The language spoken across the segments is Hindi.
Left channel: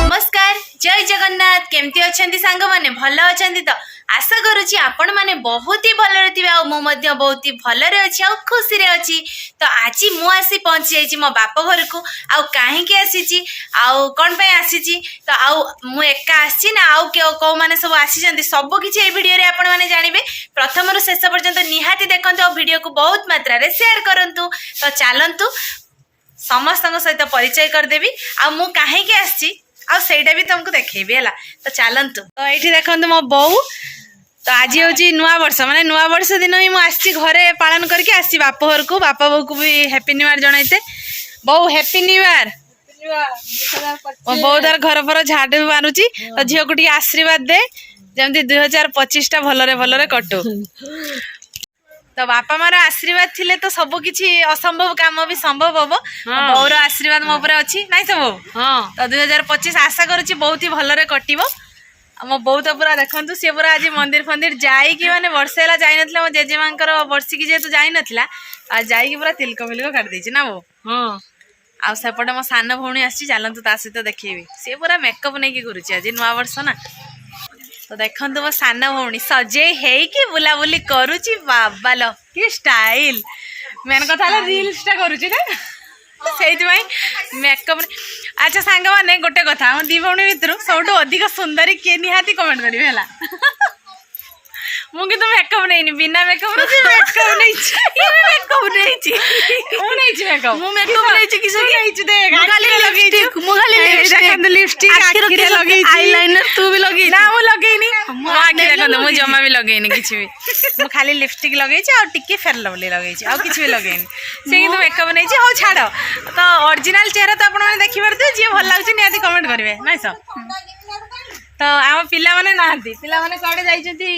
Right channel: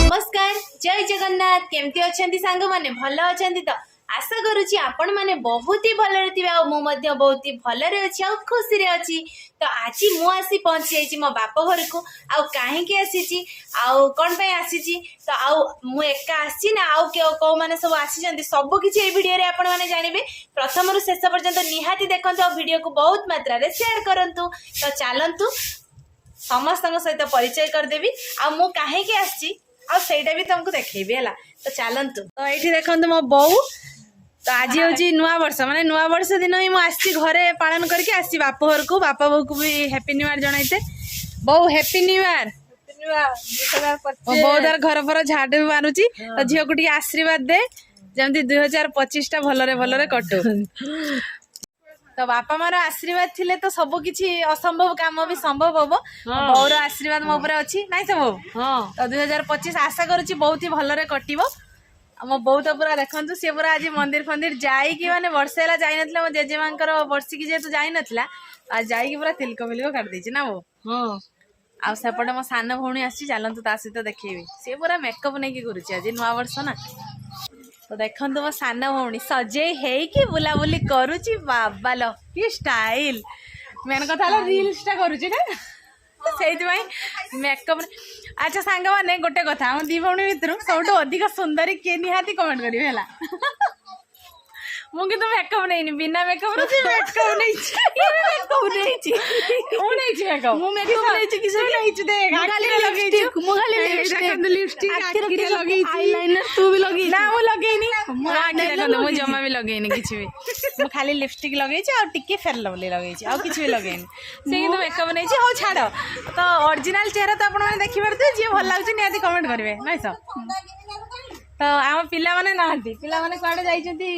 नमस्कार जय जगन्नाथ केमती अछंती सांग माने भल अछंती तो आशा करुच्ची आपण माने बहुत ही भलरे थिबे आ मु मध्य बहुत ही भलरे अछि आ खुशी रे अछि। तो आज मु आसी पहुंची जाइछि मो बाप घर को आ काहे के आसीछि आ कोन पे आसीछि तो आ मु एका आसी ना आ के को माने सब आसी जंती सब किछि ए वीडियो रे आपण माने जानिबे। प्रथम रु शेष पर्यंत निहाती देखंतु आ वीडियो को बहुत मात्रा रे शेयर करंतु। तो चलंतु समस्त सहित परिचय करदेवी आ मु काहे के आसी आ सेटा भी तुमको देखेबी है। तो चलतु तो ये देखो मो बो तो आज हूँ नुआ वर्ष माने नुआ वर्ष दिन ही मुझे घरे पालन करके आसी बाप घर को बाप बो को भी हैप्पी न्यू ईयर जनईते बो हैप्पी न्यू ईयर। मो बो तार घर पर झाड़ू मारुची तो झील को आशीर्वाद दे जमी 2025 टा भलरे भलरे कटू। तो बापा मार आशीर्वाद थिले तो सब किछि असंभव काम भी संभव हम। बौर आशीर्वाद मो ऊपर अछि नाइ सब। तो 2025 आशा करूची बहुत ही भलरे कटिबो। मो बौ तो पूरा देखंतु से पूरा आज मंदिर फंदिर जाई कि माने वर्षेला जाई नथला मो जेजेमांकर वर्षी की जेतु जाई नथला आ जाई कि पूरा तिलक मिलक काट देछि ना बो। आ सेपटे मो सान भौणी आछि चलंतु ता सहित देखिबी से पूरा मेकअप नै कि करूची आज नुआ वर्ष ना। तो देखंतु मो सान भौणी सजे हेई कि बुलाबुली करूची बाबा लो कि स्टाइल मेन कथा रील्स टा करूची ना से मेकअप। अच्छा सांग मैंने गोटे कथा हम दी भौणी भितर सब अधिक सुंदरी किए निहाती कमेंट करेंगे है। मुझे मेकअप नहीं बिना मेकअप मेकअप नहीं मेकअप नहीं मेकअप मु मेकअप नहीं किस नहीं देख खाली लिपस्टिक मु खाली लिपस्टिक लिपस्टिक आखिर के लगे आईलाइनर तू भी लगे ना मु लगेनी मु आखिर देखो मु जमा भी लगेनी किछि भी मु खाली लिपस्टिक लगे छी और टिके फेर लवली लगे छी और किछि भी लगेनी से किंतु मेकअप नहीं छी हो छाड़। तो ओरिजिनल चेहरा तो आपण माने देखि परते जे भल लागछि नियाती कमेंट करिवे नाइ सब। तो आम पिला माने नाहंती पिला माने कुआडे जाइछंती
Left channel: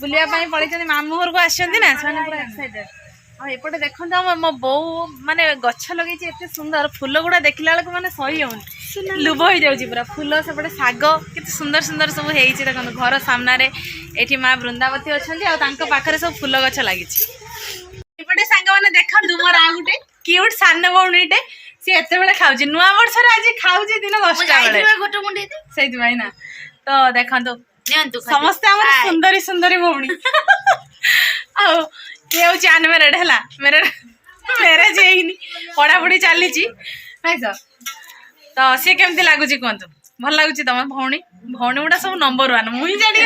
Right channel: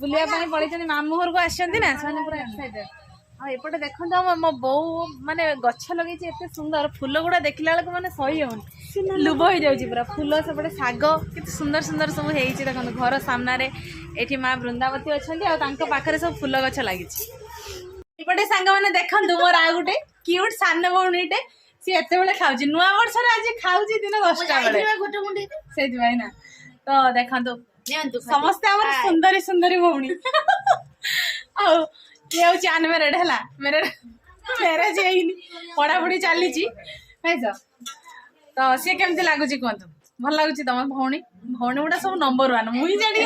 बुलिया पई पळैछंती मामू घर को आछंती ना साने पूरा एक्साइटेड। आ एपटे देखंत मो बो माने गच्छ लगेछि एते सुंदर फूल गुडा देखिला बेलको माने सही होन लुभ हो जाउछि पूरा फूल सेपटे साग केते सुंदर सुंदर सब हेइछि देखंत घर सामना रे एठी मां वृंदावती अछंती आ तांको पाखरे सब फूल गच्छ लागिछि। एपटे सांग माने देखंतु मोर आ गुटे क्यूट सान बौणीटे सी एते बेले खाउछि नुआ वर्ष रे आज खाउछि दिन 10टा बेले गोटे मुंडी सेति भाई ना। तो देखंतु समस्त हमर सुंदरी सुंदरी भौणी आ ये हूँ चान मेरेड है मेरे मैरेज है पढ़ा पढ़ी चली तो सी केमती लगुच कहतु भल लगुच तुम भौणी भौणी गुड़ा सब नंबर 1 मुई जानी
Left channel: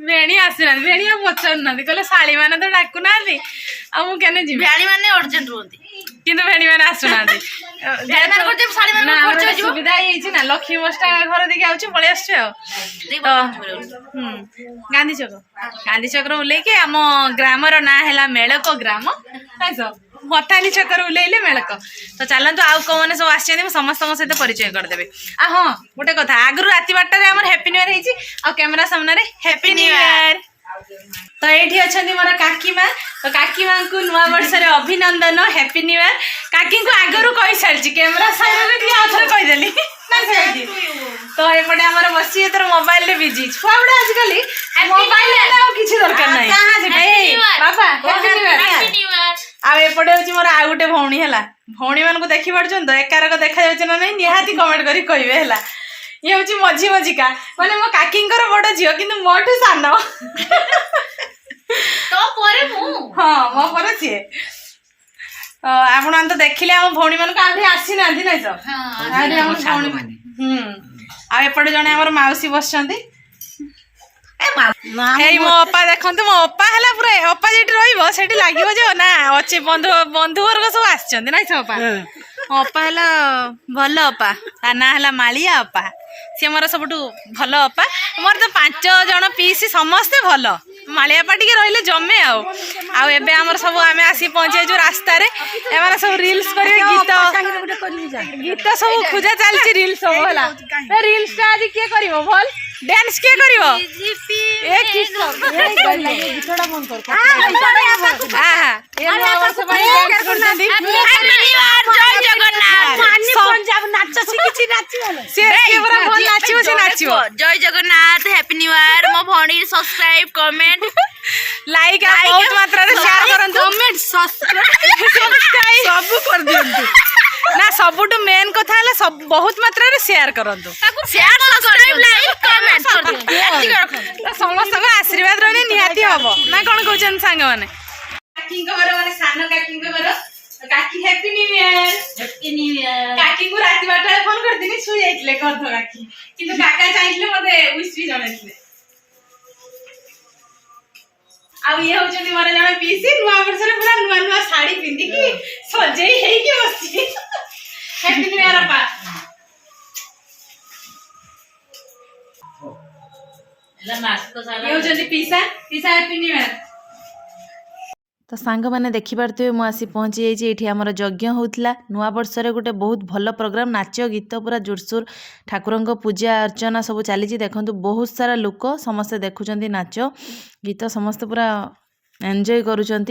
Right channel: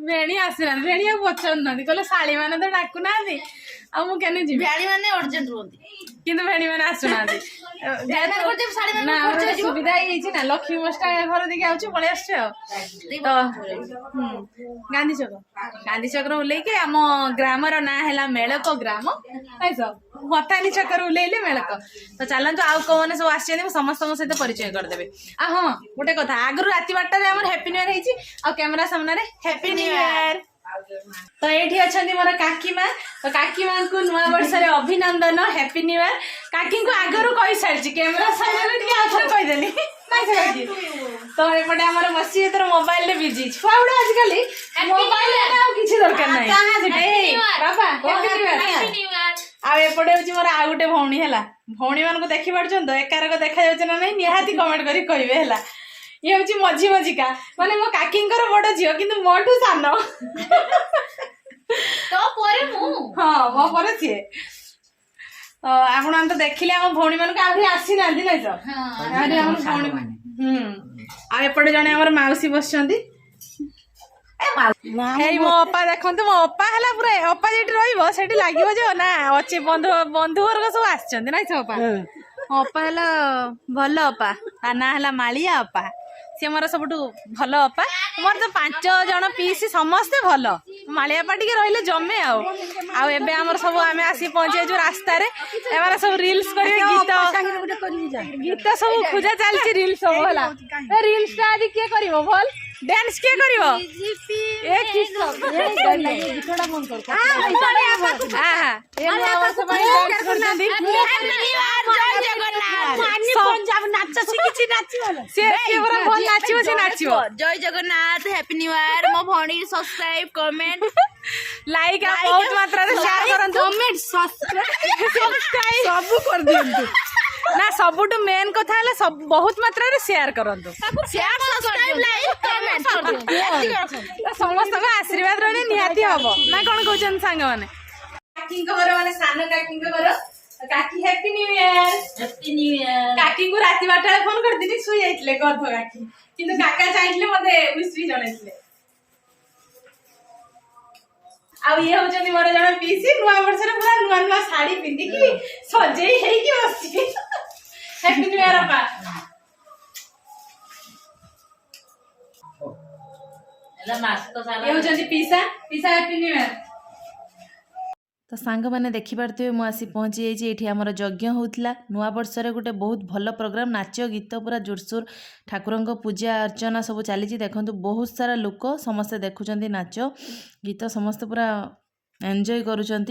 भेणी आसना भेणी पचार ना कहले शाड़ी मैंने तो डाकू ना मुझे जी भेणी मैंने अर्जेंट रुहती किंतु भेणी मैंने आसुना सुविधा ही ना लक्ष्मी बसटा घर देखिए आउछ पलि गांधी चक्र ओल्लैके आम ग्रामर ना है मेलक ग्राम मथानी चक्र ओल्लैले मेलक। तो चलतु आउ कौ मैंने सब आसछन्ती समस्त सहित परिचय करदेबे। आ हाँ गोटे कथा आगु राति 8टारे आमर हैप्पी न्यू ईयर हेछि आ कैमरा सामने रे हैप्पी न्यू ईयर। तो ये अच्छा मोर काकी माँ तो काकी माँ को नुआ वर्ष रे अभिनंदन हैप्पी न्यू ईयर। काकी को आगरू कही सारी कैमरा सामने कहीदेली तो एपटे आम बसी तर मोबाइल रे बिजी छुआ गुड़ा आजिकल मोबाइल किसी दरकार ना एपटे हूँ मोर आ गए भौणी है भौणी मान देखी पार्छ तो एकारक देखा ना नहीं निहाती कमेंट कर कहे है। ये हूँ मझी मझिका माने मो काकी बड़ झील कि मोठू सान हाँ मो पर सी आपण तो देखिले आम भौणी मान आसी ना आपटे जड़े आम मौसी बस मो अपा देखो मो अपा है पूरा अपा जी रही जो ना अच्छे बंधु बंधु वर्ग सब आसना अपा मो अपा है भल अपा ता ना है मालिया अपा सी मोर सब भल अपा मोर तो 5 जन पीसी समस्ते भल मालिया अपा टी रही जमे आबे आम सब आम आसी पहुँचे जो रास्ता एम सब रिल्स करेंगे गीत गीत सब खोजा चलती रिल्स सब है रिल्स आज किए कर भल डांस किए जय जगन्नाथ हैप्पी न्यू ईयर मो भौणी सब्सक्राइब कमेंट लाइक बहुत मात्रा रे शेयर करन कमेंट सब्सक्राइब सब कर दियंतु ना सबुटु मेन कथा है सब बहुत मात्रा रे शेयर करंतु शेयर सब्सक्राइब लाइक कमेंट कर दियंतु समस्त आशीर्वाद रहने निहाती हबो ना कोन कहउछन सांग माने काकी को घर माने सानो काकी को घर काकी हैप्पी न्यू ईयर काकी को राति 12 फोन कर दिनी सुई जाइतले गर्ध काकी किंतु काका चाहितले मते विश भी जणाइतले आ ये होचनी मोर जण पीसी नुआ वर्ष रे पूरा नुआ नुआ साड़ी पिंदी की सजेई हेई के बसची हैप्पी न्यू ईयर अपा एला मास्क तो सारा ये होचनी पीसा पीसा हैप्पी न्यू ईयर तो सांग मैंने देखिपे मुझे आसी पहुँची जाइए ये आमर यज्ञ होता नुआ वर्ष गोटे बहुत भल प्रोग्राम नाच गीत पूरा जोरसोर ठाकुर पूजा अर्चना सब चली देखो बहुत सारा लोक समस्ते देखुं नाच गीत समस्ते पूरा एंजॉय करुँच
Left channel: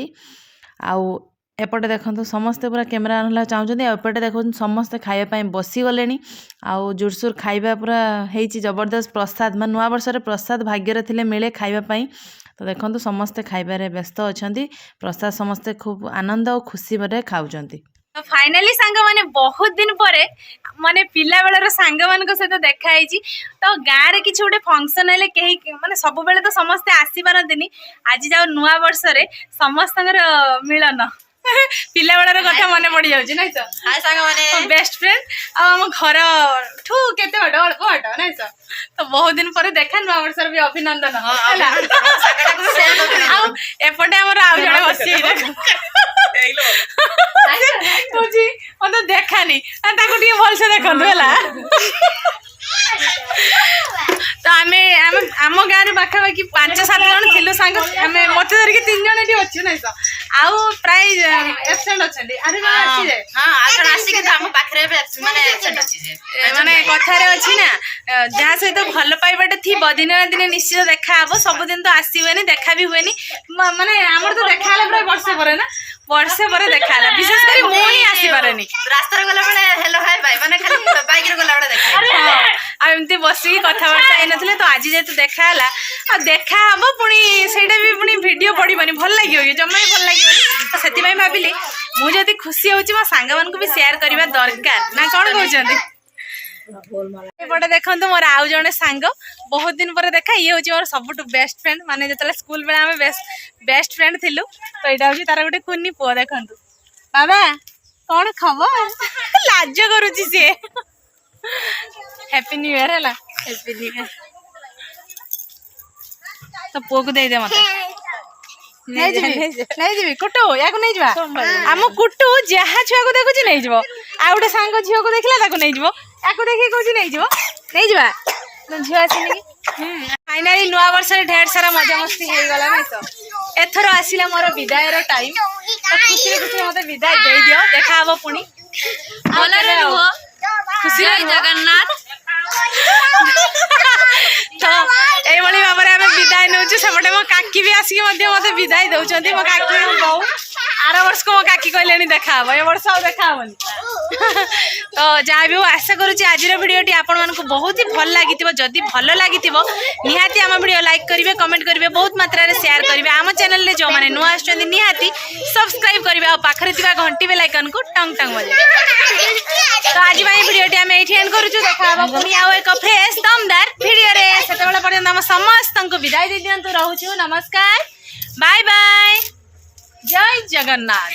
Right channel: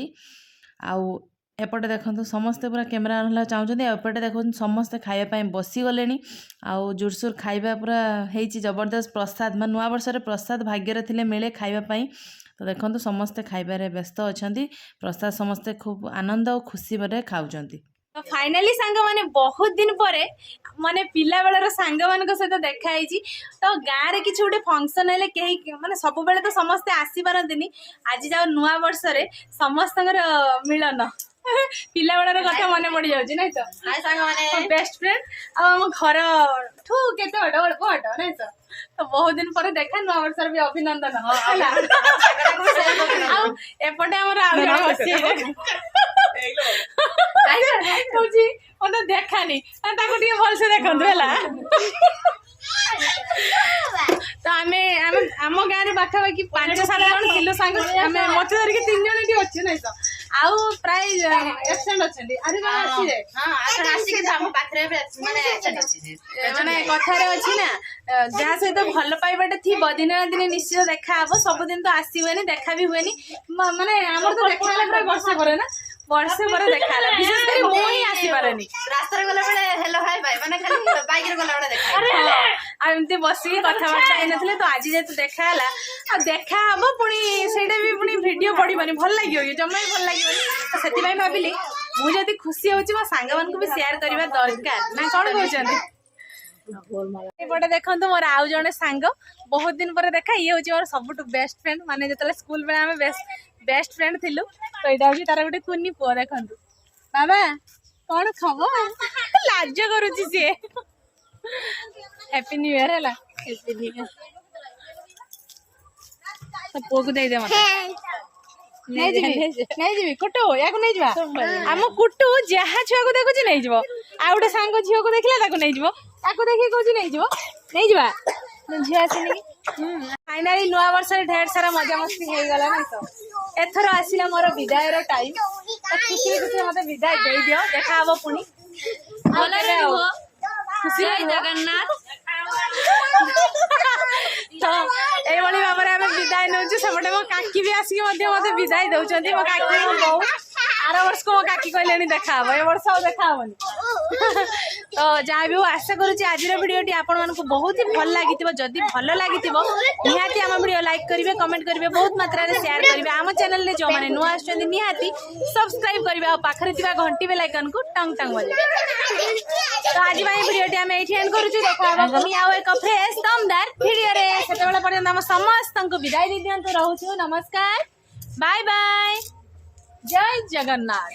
आउ एपटे देखो समस्ते पूरा कैमेरा ना चाहते एपटे देखो समस्ते खावाई बसीगले आउ जोरसोर खाଇବା पूरा होती जबरदस्त प्रसाद मैं नुआ वर्ष प्रसाद भाग्य थे मिले खावाई तो देखो समस्ते खाइबारे व्यस्त अच्छा प्रसाद समस्ते खूब आनंद और खुशी में खाऊं तो फाइनाली सांग माने बहुत दिन पर माने पिला बेलर सांग मान सहित देखाई तो गाँव में किसी गोटे फंक्शन है कहीं माने सब बेले तो समस्ते आसी पारती आज जाओ नुआ वर्ष समस्त मिलन पिला बेलर कथा मन पड़ जाऊँ ना तो हाय सांग माने बेस्ट फ्रेंड आम घर ठू केते अल्प हट ना तो बहुत दिन पर देखा नुआ वर्ष भी अभिनंदन एपटे आमर आउ जड़े बसी मत देखानी भलसे देखु तो आम गाँव पाखापाखि 5-7 जन थिलु सांग आमे मत धरिक 3 जन एठी अछि नै तो आउ प्राय एब्सेंट अछंदी आरे जन आसी जाय हां आखन आसी के हम पाखरे माने एब्सेंट अछि जे माने कथारे अछि ना जहा सहित भल पाइबाटे थिबो दिन ना दिन निश्चित देखा हबो सब दिन तो आसीबेनी देखा भी हुएनी माने हमर तो देखा हला प्राय वर्षे पर ना वर्षे पर देखा हला विशेष करी मो ही आसी पारेनी रास्ता रे गला बेले हेलो हाय बाय माने खाली बाइक रे गला बेले देखा आ एमती बसी कथाबार्ता होनथिले तो आज जेतु देखा हला आ देखा हबो पुनी सेटा भी पुनी वीडियो पडिबनी भल लागियो कि जम्मै भल लागियो तो सेति भाई भाबिली मु जति खुशी होची मा सांगा मान को भी शेयर करबा दरकार ना कोन कहउचंदी एपटे देखो मोर आउ जने सांग बहुत दिन पर देखा ये हूँ मोर सबुठ बेस्ट फ्रेंड माने जो स्कूल बेले आम बेस्ट फ्रेंड थिलु तो यहाँ हूँ तार गोटे कुनी पुआ देखु बाबा कौन खबर लाज करुच्ची सी हैप्पी न्यू ईयर है हैप्पी न्यू ईयर तो पुआ को दे दे मत नहीं जी कुटु या नहीं जा आम कुटु जहाँ छुआ को देखुची नहीं जीव आ गोटे सांग झील को देखला नहीं जीव या देखिए कौन नहीं जा झील आसनी फाइनाली नुआ वर्ष ढेर सारा मजा मस्ती हो गला नहीं तो एथर आसला मोर विदायर टाइम तो खुशी खुशी मत विदाय दे दियो देखा हम पुणी खुशी जगन्नाथ तो ये भाव में आम विदाय नौ सेपटे मो काकी भी आसिक मत विदाय दौरान मो काकी मो बो आर वर्ष को मो काकी कहले देखा हम ए वर्ष आउ देखा हेनी तो जहाँ भी आशा करुँच आज भिडियोटी आपण बहुत ही भल लगी जदि भल लगी निहाती आम भिडियो लाइक करेंगे कमेंट करेंगे बहुत मात्रा शेयर करेंगे आम चैनल में जो मैंने नुआ आसुच्च निहाती सब्सक्राइब करेंगे और पाखरे घंटी बेल आइकन को टंग टंग बजे तो आज भिडियोटी आम ये एंड करुँ देखा पुणी आउ एक फ्रेश दमदार भिडियो से पर्यटन आम समस्त विदाय दे दिंतु रोचु नमस्कार बाय बाय जय जगन्नाथ।